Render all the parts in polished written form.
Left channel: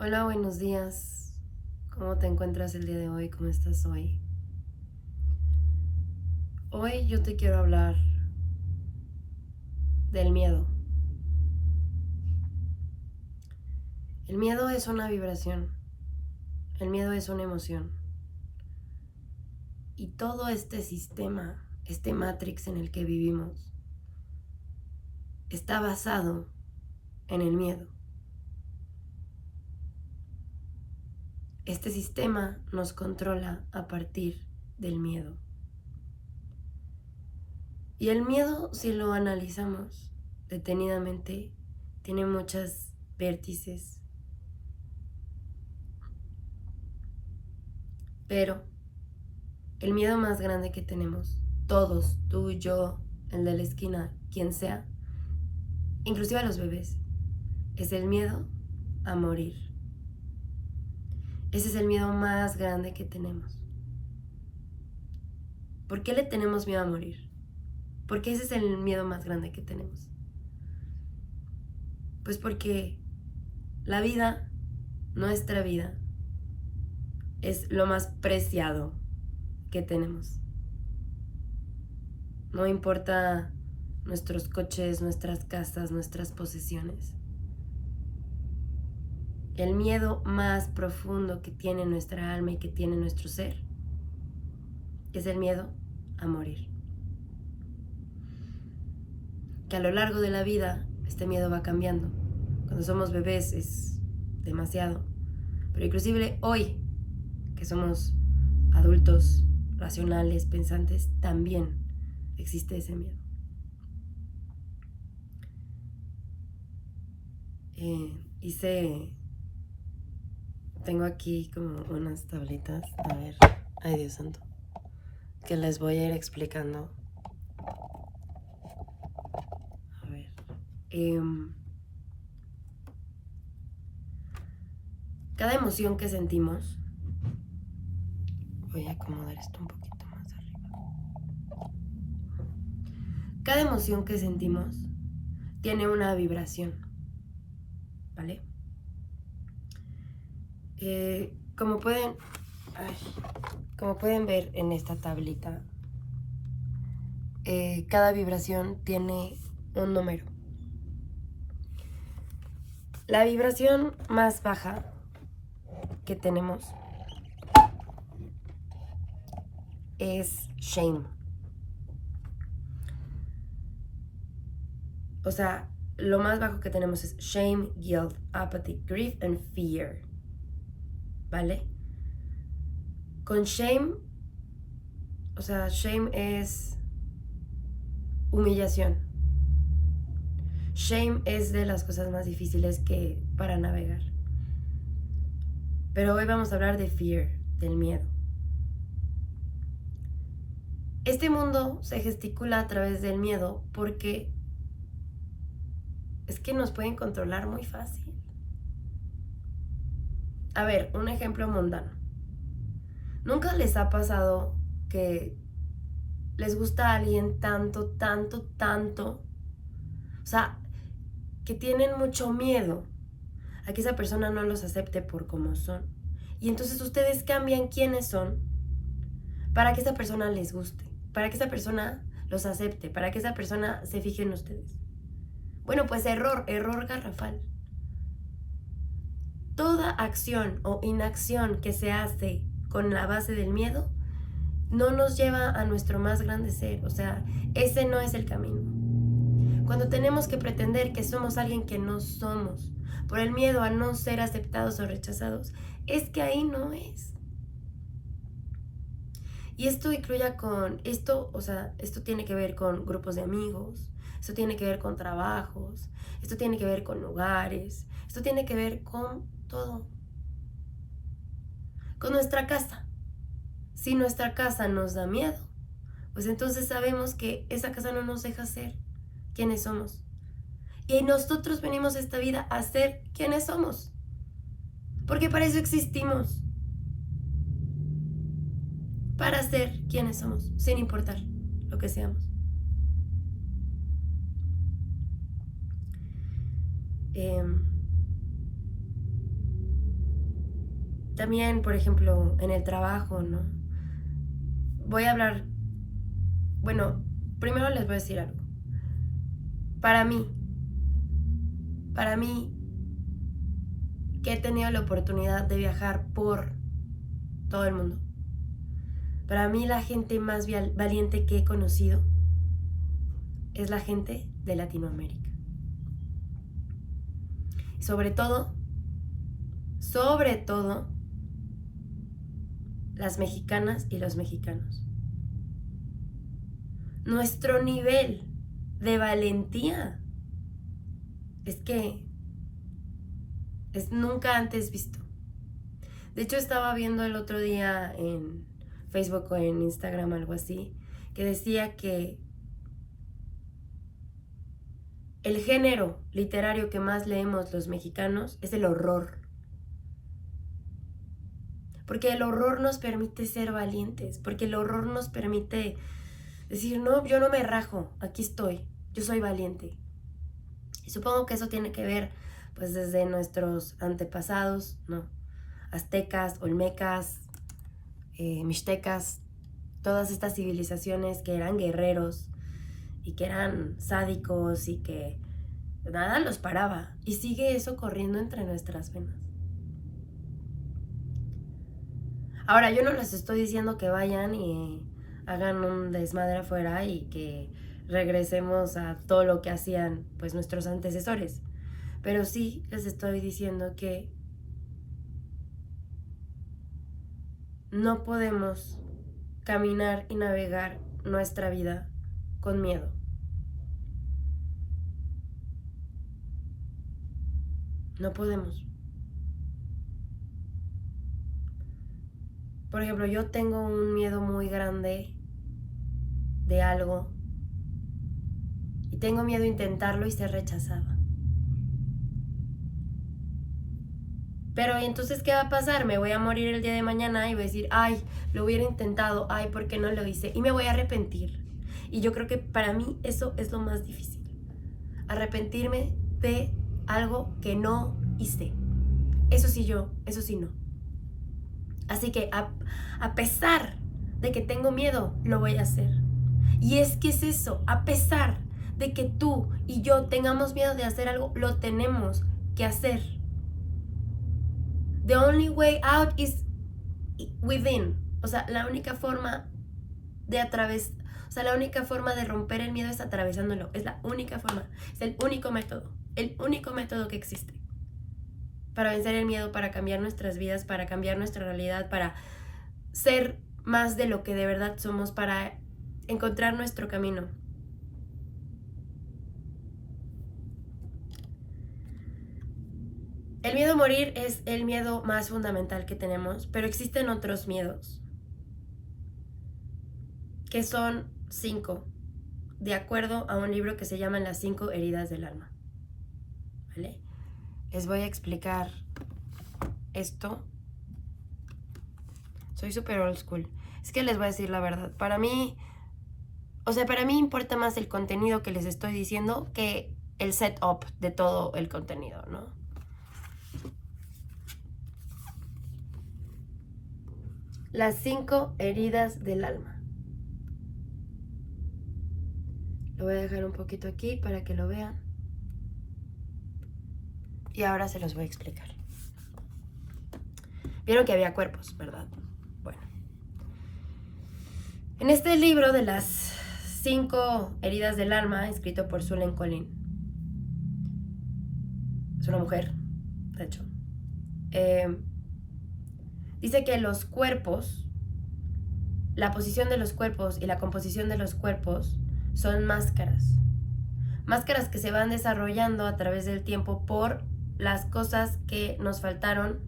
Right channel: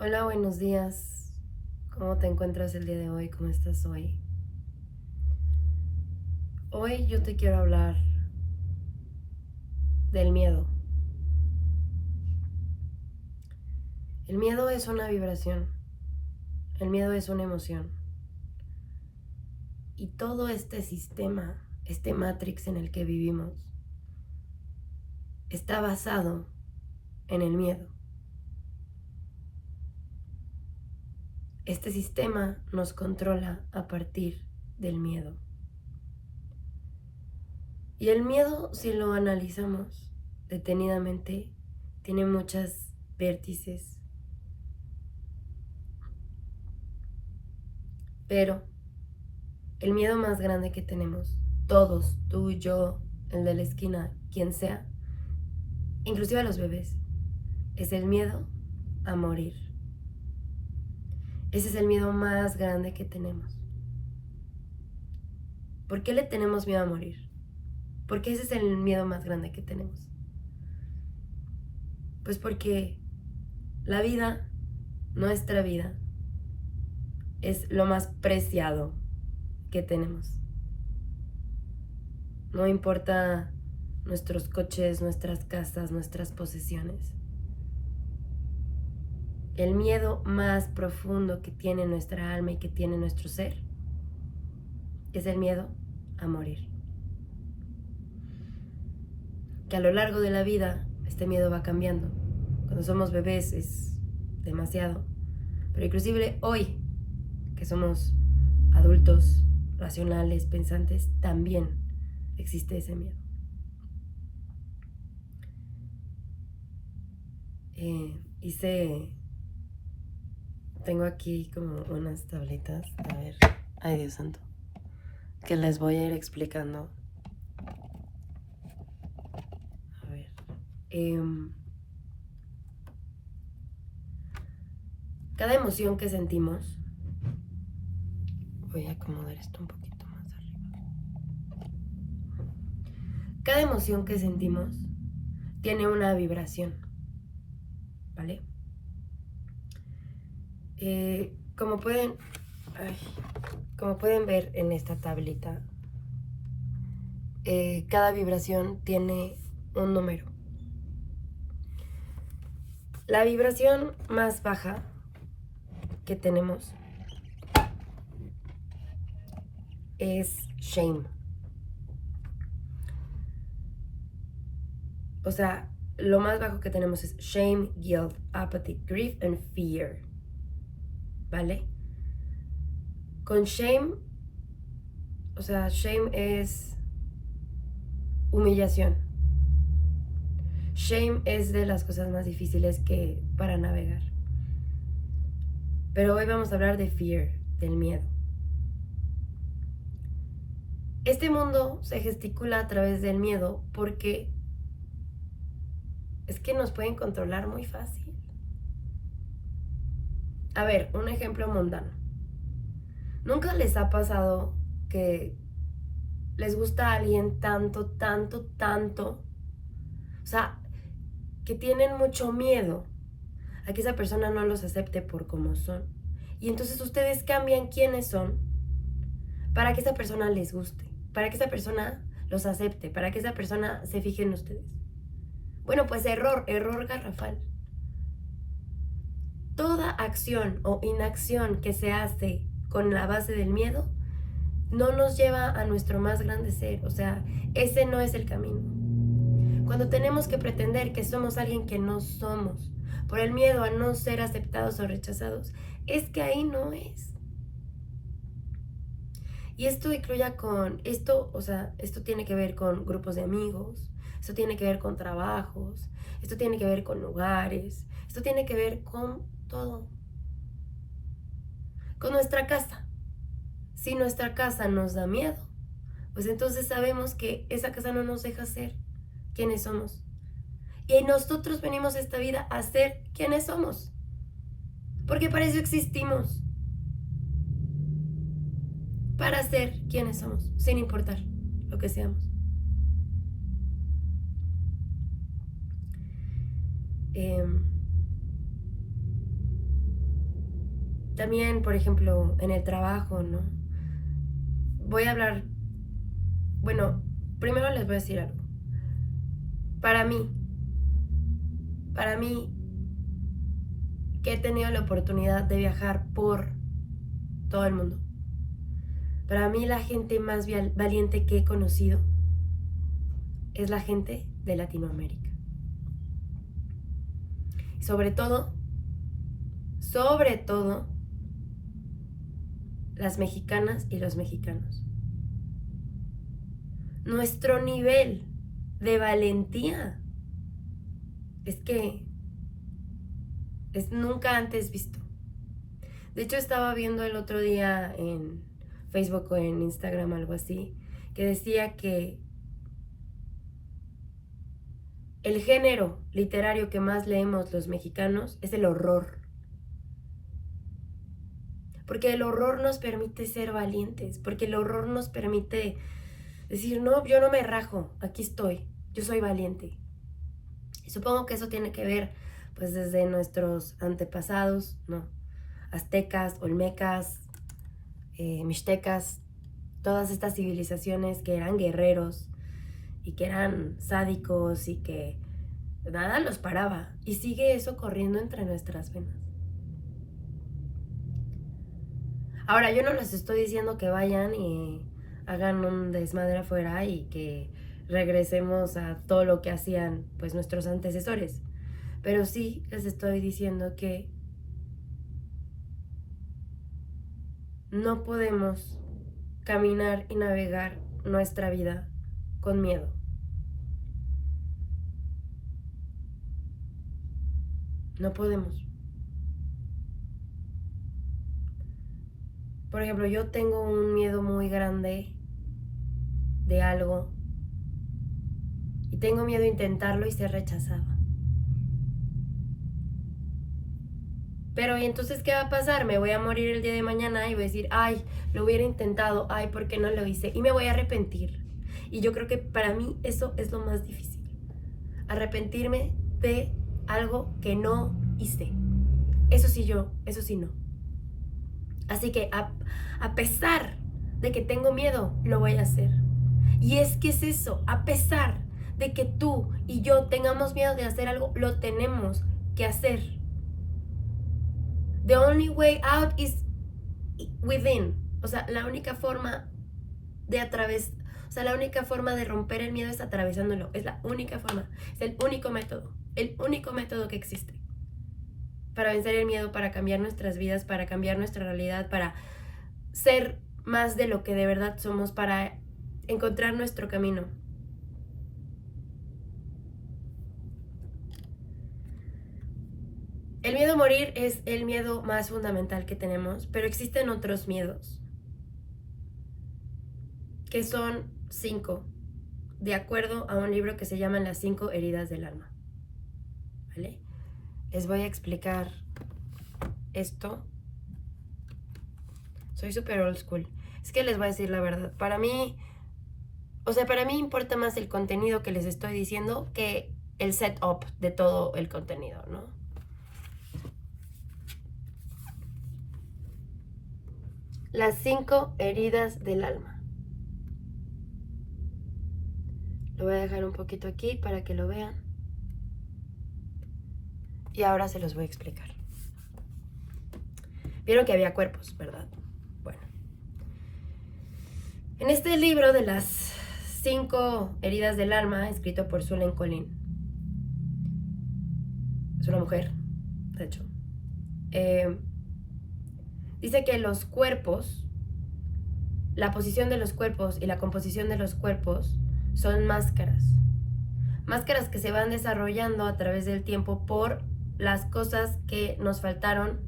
Hola, buenos días. ¿Cómo te encuentras el día de hoy? ¿Cómo estás hoy? Hoy yo te quiero hablar del miedo. El miedo es una vibración. El miedo es una emoción. Y todo este sistema, este Matrix en el que vivimos, está basado en el miedo. Este sistema nos controla a partir del miedo. Y el miedo, si lo analizamos detenidamente, tiene muchas vértices. Pero el miedo más grande que tenemos, todos, tú, yo, el de la esquina, quien sea, inclusive a los bebés, es el miedo a morir. Ese es el miedo más grande que tenemos. ¿Por qué le tenemos miedo a morir? Porque ese es el miedo más grande que tenemos. Pues porque la vida, nuestra vida, es lo más preciado que tenemos. No importa nuestros coches, nuestras casas, nuestras posesiones. El miedo más profundo que tiene nuestra alma y que tiene nuestro ser es el miedo a morir. Que a lo largo de la vida este miedo va cambiando. Cuando somos bebés es demasiado. Pero inclusive hoy, que somos adultos, racionales, pensantes, también existe ese miedo. Tengo aquí como unas tablitas, a ver, ay Dios santo, que les voy a ir explicando. A ver, cada emoción que sentimos, voy a acomodar esto un poquito más arriba. Cada emoción que sentimos tiene una vibración, ¿vale? Como pueden, como pueden ver en esta tablita, cada vibración tiene un número. La vibración más baja que tenemos es shame. O sea, lo más bajo que tenemos es shame, guilt, apathy, grief and fear. ¿Vale? Con shame, o sea, shame es humillación. Shame es de las cosas más difíciles que para navegar. Pero hoy vamos a hablar de fear, del miedo. Este mundo se gesticula a través del miedo porque es que nos pueden controlar muy fácil. A ver, un ejemplo mundano. ¿Nunca les ha pasado que les gusta a alguien tanto, tanto, tanto? O sea, que tienen mucho miedo a que esa persona no los acepte por como son. Y entonces ustedes cambian quiénes son para que esa persona les guste, para que esa persona los acepte, para que esa persona se fije en ustedes. Bueno, pues error garrafal. Toda acción o inacción que se hace con la base del miedo no nos lleva a nuestro más grande ser. O sea, ese no es el camino. Cuando tenemos que pretender que somos alguien que no somos, por el miedo a no ser aceptados o rechazados, es que ahí no es. Y esto incluye con esto, o sea, esto tiene que ver con grupos de amigos, esto tiene que ver con trabajos, esto tiene que ver con lugares, esto tiene que ver con todo. Con nuestra casa. Si nuestra casa nos da miedo, pues entonces sabemos que esa casa no nos deja ser quienes somos. Y nosotros venimos a esta vida a ser quienes somos. Porque para eso existimos. Para ser quienes somos, sin importar lo que seamos. también, por ejemplo, en el trabajo, ¿no? Voy a hablar, bueno, primero les voy a decir algo. Para mí, que he tenido la oportunidad de viajar por todo el mundo, para mí la gente más valiente que he conocido es la gente de Latinoamérica. Sobre todo, las mexicanas y los mexicanos. Nuestro nivel de valentía es que es nunca antes visto. De hecho, estaba viendo el otro día en Facebook o en Instagram, algo así, que decía que el género literario que más leemos los mexicanos es el horror. Porque el horror nos permite ser valientes, porque el horror nos permite decir, no, yo no me rajo, aquí estoy, yo soy valiente. Y supongo que eso tiene que ver, pues, desde nuestros antepasados, ¿no? Aztecas, olmecas, mixtecas, todas estas civilizaciones que eran guerreros y que eran sádicos y que nada los paraba. Y sigue eso corriendo entre nuestras venas. Ahora, yo no les estoy diciendo que vayan y hagan un desmadre afuera y que regresemos a todo lo que hacían, pues, nuestros antecesores. Pero sí les estoy diciendo que no podemos caminar y navegar nuestra vida con miedo. No podemos. Por ejemplo, yo tengo un miedo muy grande de algo y tengo miedo a intentarlo y ser rechazada. Pero ¿y entonces qué va a pasar? Me voy a morir el día de mañana y voy a decir, ay, lo hubiera intentado, ay, ¿por qué no lo hice? Y me voy a arrepentir. Y yo creo que para mí eso es lo más difícil. Arrepentirme de algo que no hice. Eso sí no. Así que a pesar de que tengo miedo, lo voy a hacer. Y es que es eso, a pesar de que tú y yo tengamos miedo de hacer algo, lo tenemos que hacer. The only way out is within. O sea, la única forma la única forma de romper el miedo es atravesándolo. Es la única forma. Es el único método que existe para vencer el miedo, para cambiar nuestras vidas, para cambiar nuestra realidad, para ser más de lo que de verdad somos, para encontrar nuestro camino. El miedo a morir es el miedo más fundamental que tenemos, pero existen otros miedos, que son 5, de acuerdo a un libro que se llama Las 5 heridas del alma. ¿Vale? Les voy a explicar esto. Soy súper old school. Es que les voy a decir la verdad. Para mí importa más el contenido que les estoy diciendo que el setup de todo el contenido, ¿no? Las 5 heridas del alma. Lo voy a dejar un poquito aquí para que lo vean. Y ahora se los voy a explicar. Vieron que había cuerpos, ¿verdad? Bueno. En este libro de las 5 heridas del alma, escrito por Suelen Collin, es una mujer, de hecho, dice que los cuerpos, la posición de los cuerpos y la composición de los cuerpos son máscaras. Máscaras que se van desarrollando a través del tiempo por las cosas que nos faltaron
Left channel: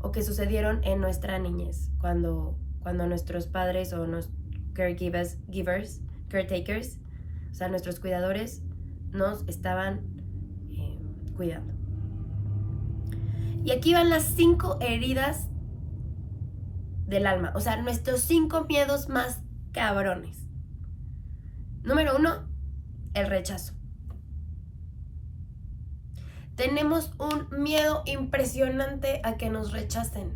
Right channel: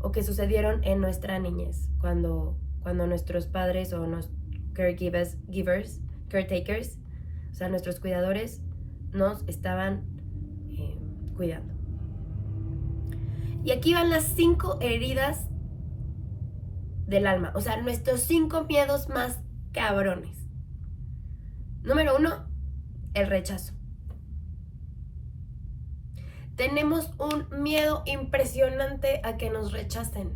o que sucedieron en nuestra niñez, cuando nuestros padres o los caretakers, o sea, nuestros cuidadores, nos estaban cuidando. Y aquí van las 5 heridas del alma, o sea, nuestros 5 miedos más cabrones. Número 1, el rechazo. Tenemos un miedo impresionante a que nos rechacen.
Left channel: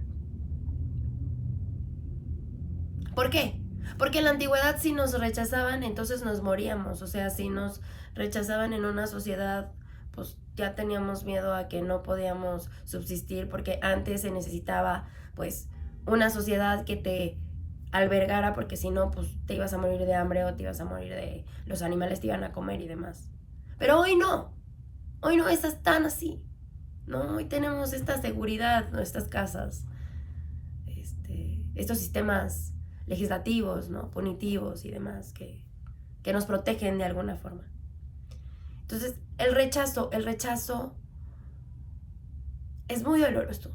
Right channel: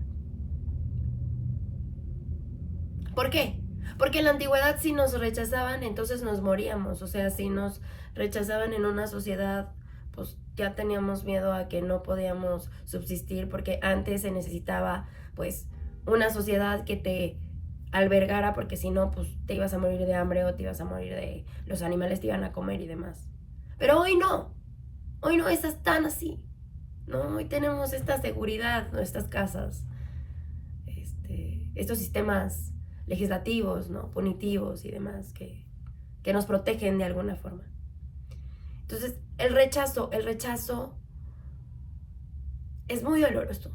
¿Por qué? Porque en la antigüedad si nos rechazaban, entonces nos moríamos. O sea, si nos rechazaban en una sociedad, pues ya teníamos miedo a que no podíamos subsistir, porque antes se necesitaba, pues, una sociedad que te albergara, porque si no, pues te ibas a morir de hambre o te ibas a morir de... los animales te iban a comer y demás. Pero hoy no estás tan así. No, hoy tenemos esta seguridad, nuestras casas, estos sistemas legislativos, ¿no? Punitivos y demás que nos protegen de alguna forma. Entonces, el rechazo es muy doloroso.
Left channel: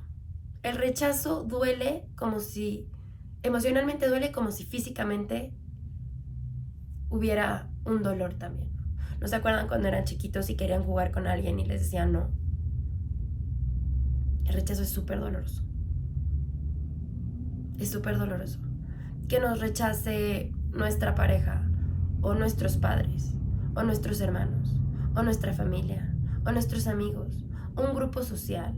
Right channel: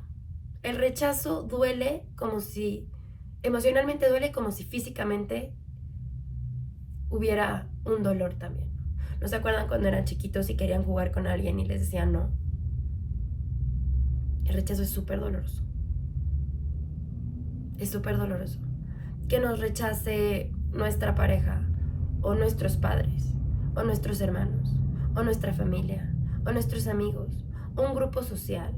El rechazo duele como si, emocionalmente duele como si físicamente hubiera un dolor también. ¿No se acuerdan cuando eran chiquitos y querían jugar con alguien y les decían no? El rechazo es súper doloroso. Es súper doloroso. Que nos rechace nuestra pareja, o nuestros padres, o nuestros hermanos, o nuestra familia, o nuestros amigos, o un grupo social.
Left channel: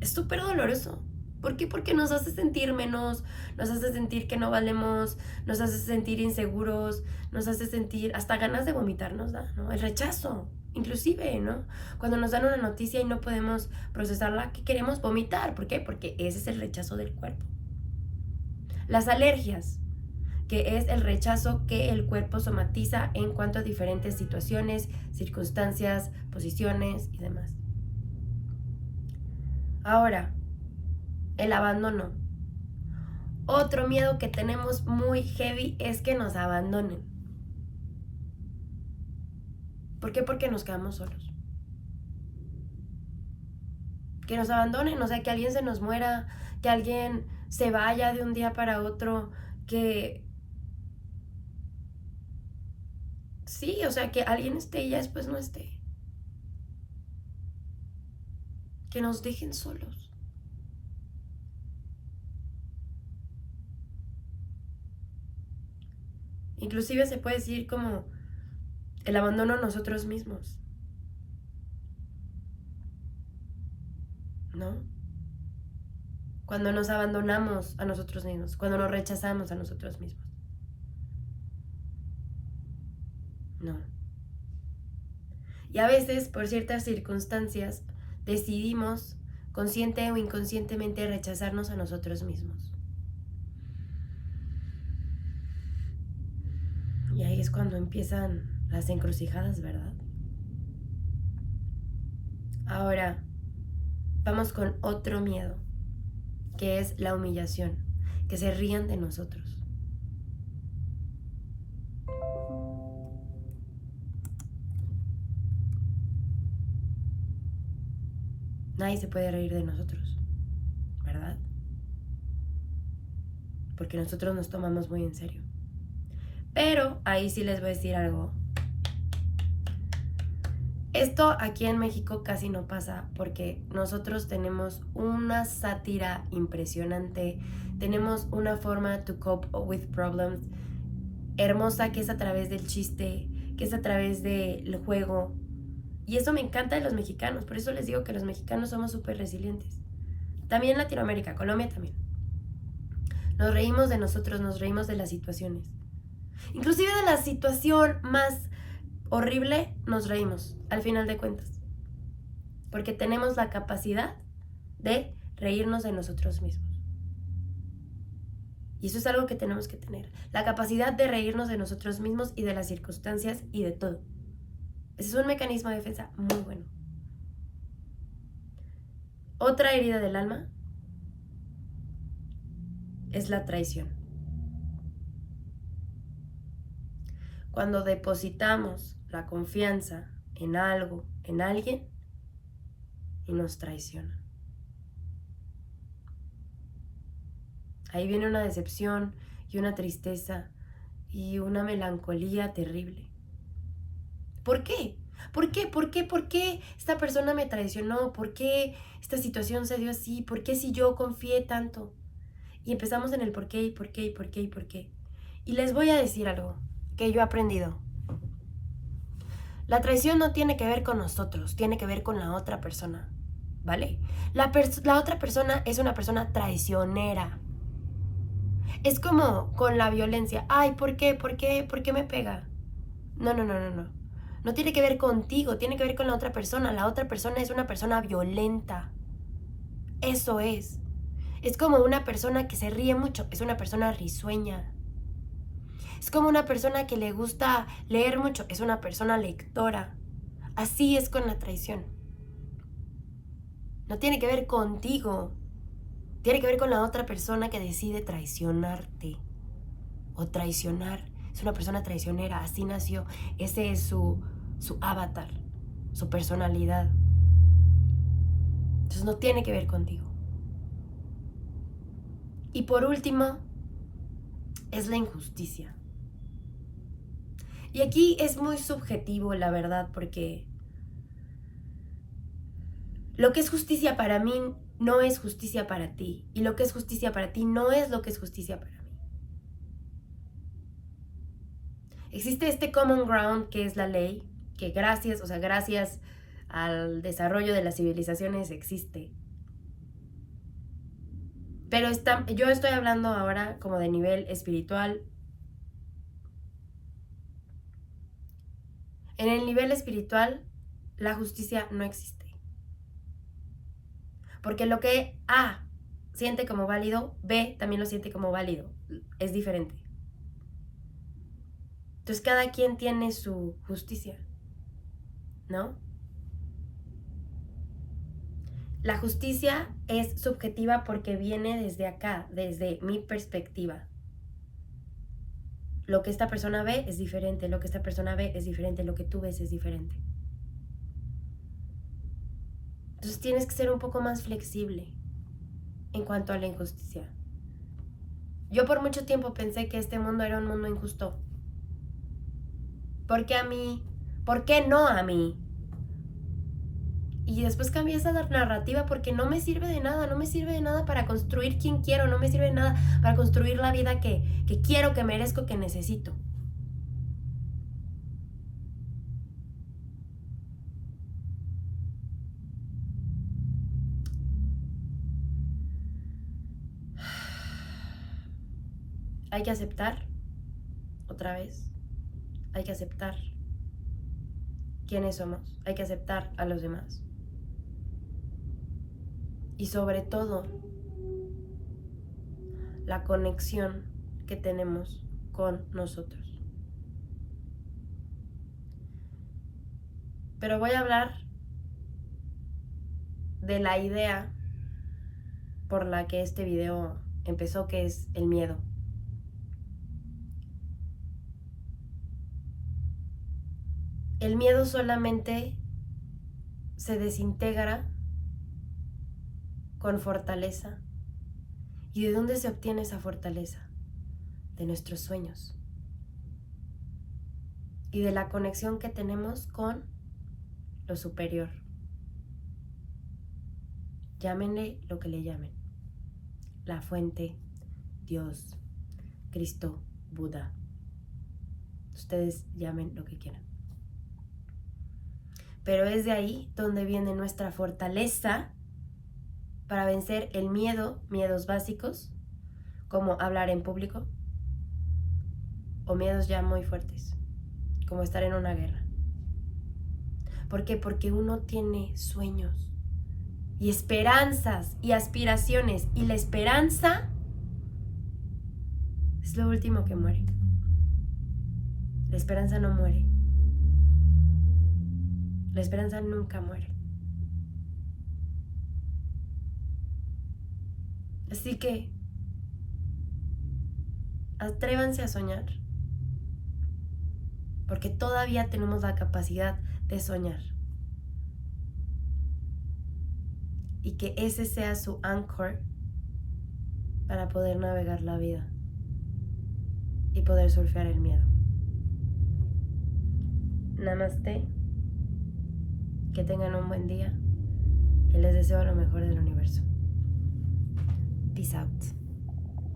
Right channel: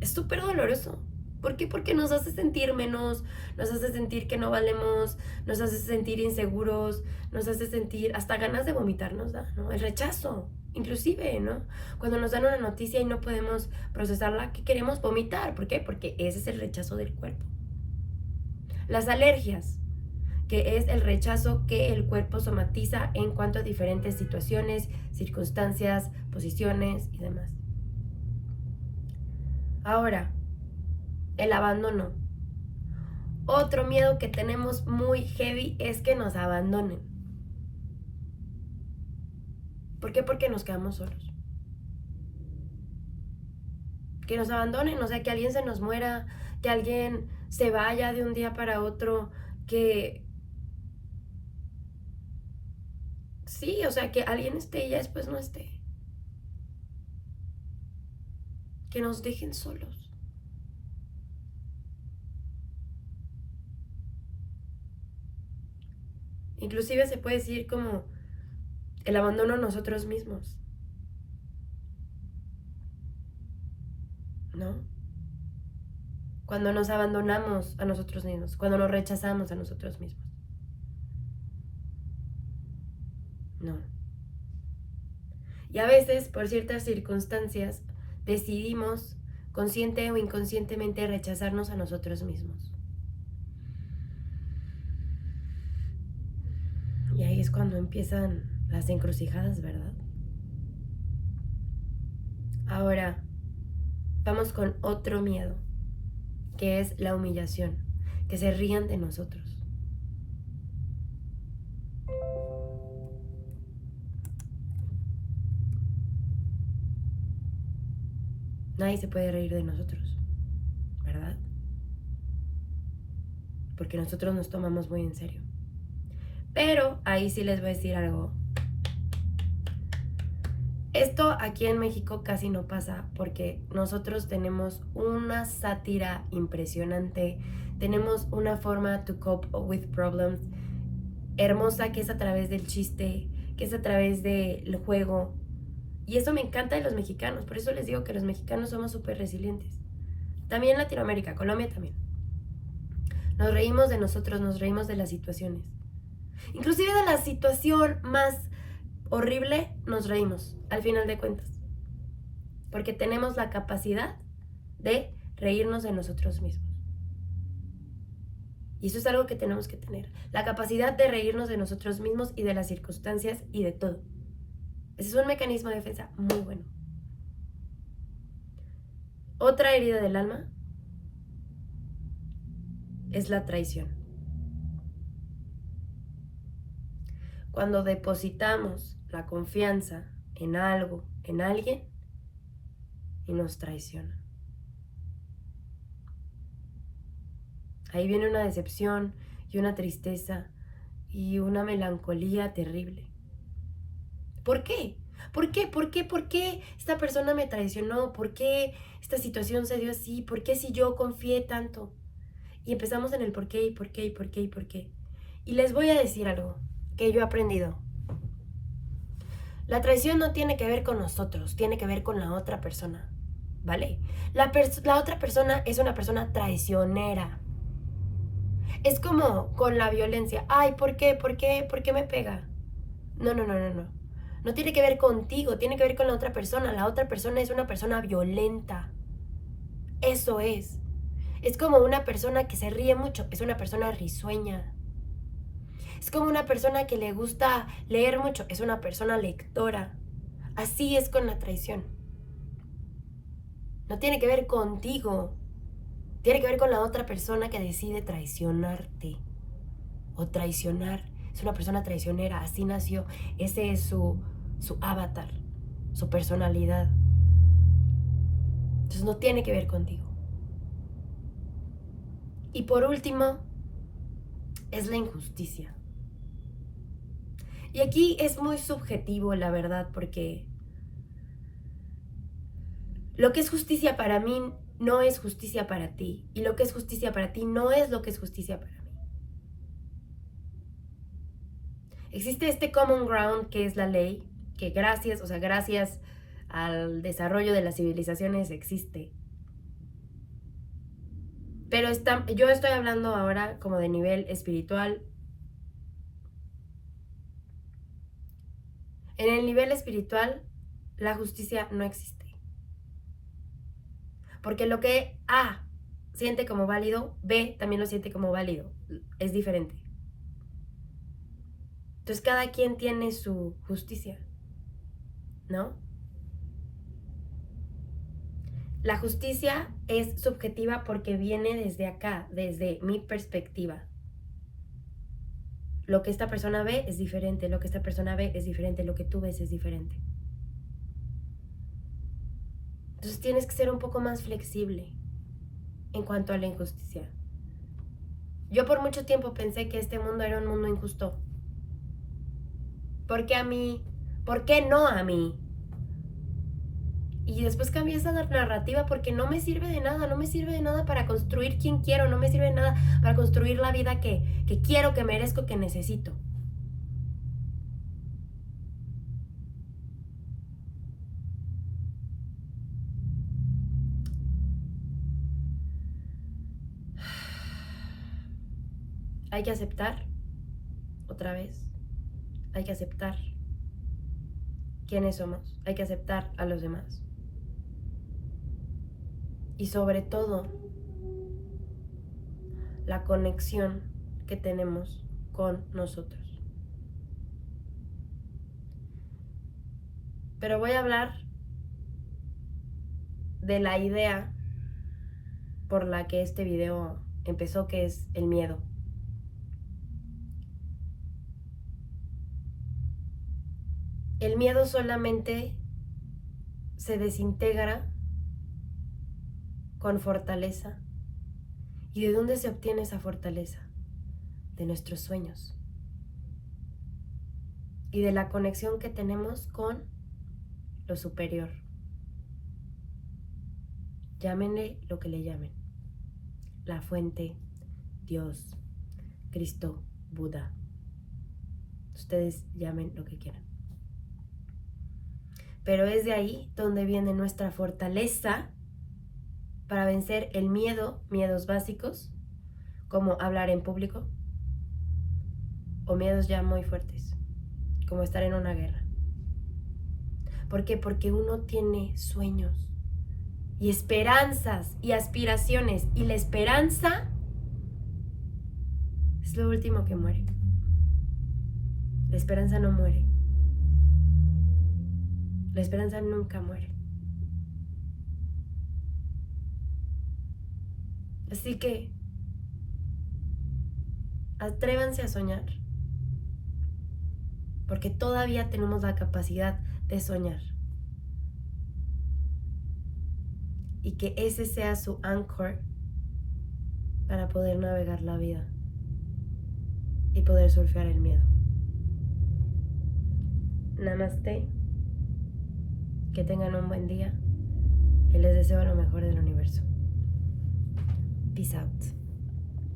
Es súper doloroso. ¿Por qué? Porque nos hace sentir menos, nos hace sentir que no valemos, nos hace sentir inseguros, nos hace sentir hasta ganas de vomitar nos da, ¿no? El rechazo, inclusive, ¿no? Cuando nos dan una noticia y no podemos procesarla, ¿qué queremos? Vomitar. ¿Por qué? Porque ese es el rechazo del cuerpo. Las alergias, que es el rechazo que el cuerpo somatiza en cuanto a diferentes situaciones, circunstancias, posiciones y demás. Ahora, el abandono. Otro miedo que tenemos muy heavy es que nos abandonen. ¿Por qué? Porque nos quedamos solos. Que nos abandonen, o sea, que alguien se nos muera, que alguien se vaya de un día para otro, que... Sí, o sea, que alguien esté y ya después no esté. Que nos dejen solos. Inclusive se puede decir como el abandono a nosotros mismos, ¿no? Cuando nos abandonamos a nosotros mismos, cuando nos rechazamos a nosotros mismos. No. Y a veces, por ciertas circunstancias, decidimos consciente o inconscientemente rechazarnos a nosotros mismos. Y ahí es cuando empiezan las encrucijadas, ¿verdad? Ahora, vamos con otro miedo, que es la humillación, que se rían de nosotros. Nadie se puede reír de nosotros, ¿verdad? Porque nosotros nos tomamos muy en serio. Pero ahí sí les voy a decir algo. Esto aquí en México casi no pasa porque nosotros tenemos una sátira impresionante, tenemos una forma to cope with problems hermosa que es a través del chiste, que es a través del juego. Y eso me encanta de los mexicanos, por eso les digo que los mexicanos somos súper resilientes. También Latinoamérica, Colombia también. Nos reímos de nosotros, nos reímos de las situaciones. Inclusive de la situación más horrible nos reímos, al final de cuentas. Porque tenemos la capacidad de reírnos de nosotros mismos. Y eso es algo que tenemos que tener. La capacidad de reírnos de nosotros mismos y de las circunstancias y de todo. Ese es un mecanismo de defensa muy bueno. Otra herida del alma es la traición. Cuando depositamos la confianza en algo, en alguien, y nos traiciona. Ahí viene una decepción y una tristeza y una melancolía terrible. ¿Por qué? ¿Por qué? ¿Por qué? ¿Por qué esta persona me traicionó? ¿Por qué esta situación se dio así? ¿Por qué si yo confié tanto? Y empezamos en el por qué, y por qué, y por qué, y por qué. Y les voy a decir algo que yo he aprendido. La traición no tiene que ver con nosotros, tiene que ver con la otra persona, ¿vale? La otra persona es una persona traicionera. Es como con la violencia. Ay, ¿por qué? ¿Por qué? ¿Por qué me pega? No, no, no, no, no. No tiene que ver contigo, tiene que ver con la otra persona. La otra persona es una persona violenta. Eso es. Es como una persona que se ríe mucho, es una persona risueña. Es como una persona que le gusta leer mucho, es una persona lectora. Así es con la traición. No tiene que ver contigo, tiene que ver con la otra persona que decide traicionarte o traicionar. Es una persona traicionera, así nació. Ese es su avatar, su personalidad. Entonces no tiene que ver contigo. Y por último, es la injusticia. Y aquí es muy subjetivo, la verdad, porque lo que es justicia para mí no es justicia para ti. Y lo que es justicia para ti no es lo que es justicia para mí. Existe este common ground que es la ley, que gracias al desarrollo de las civilizaciones existe. Pero yo estoy hablando ahora como de nivel espiritual. En el nivel espiritual, la justicia no existe. Porque lo que A siente como válido, B también lo siente como válido. Es diferente. Entonces cada quien tiene su justicia, ¿no? La justicia es subjetiva porque viene desde acá, desde mi perspectiva. Lo que esta persona ve es diferente, lo que esta persona ve es diferente, lo que tú ves es diferente. Entonces tienes que ser un poco más flexible en cuanto a la injusticia. Yo por mucho tiempo pensé que este mundo era un mundo injusto. ¿Por qué a mí? ¿Por qué no a mí? Y después cambié esa narrativa porque no me sirve de nada, no me sirve de nada para construir quien quiero, no me sirve de nada para construir la vida que quiero, que merezco, que necesito. Hay que aceptar, otra vez, hay que aceptar quiénes somos, hay que aceptar a los demás. Y sobre todo, la conexión que tenemos con nosotros. Pero voy a hablar de la idea por la que este video empezó, que es el miedo. El miedo solamente se desintegra con fortaleza. ¿Y de dónde se obtiene esa fortaleza? De nuestros sueños y de la conexión que tenemos con lo superior. Llámenle lo que le llamen. La fuente, Dios, Cristo, Buda. Ustedes llamen lo que quieran. Pero es de ahí donde viene nuestra fortaleza para vencer el miedo, miedos básicos, como hablar en público, o miedos ya muy fuertes, como estar en una guerra. ¿Por qué? Porque uno tiene sueños y esperanzas y aspiraciones, y la esperanza es lo último que muere. La esperanza no muere. La esperanza nunca muere. Así que atrévanse a soñar, porque todavía tenemos la capacidad de soñar. Y que ese sea su anchor para poder navegar la vida y poder surfear el miedo. Namaste. Que tengan un buen día y les deseo lo mejor del universo. Peace out.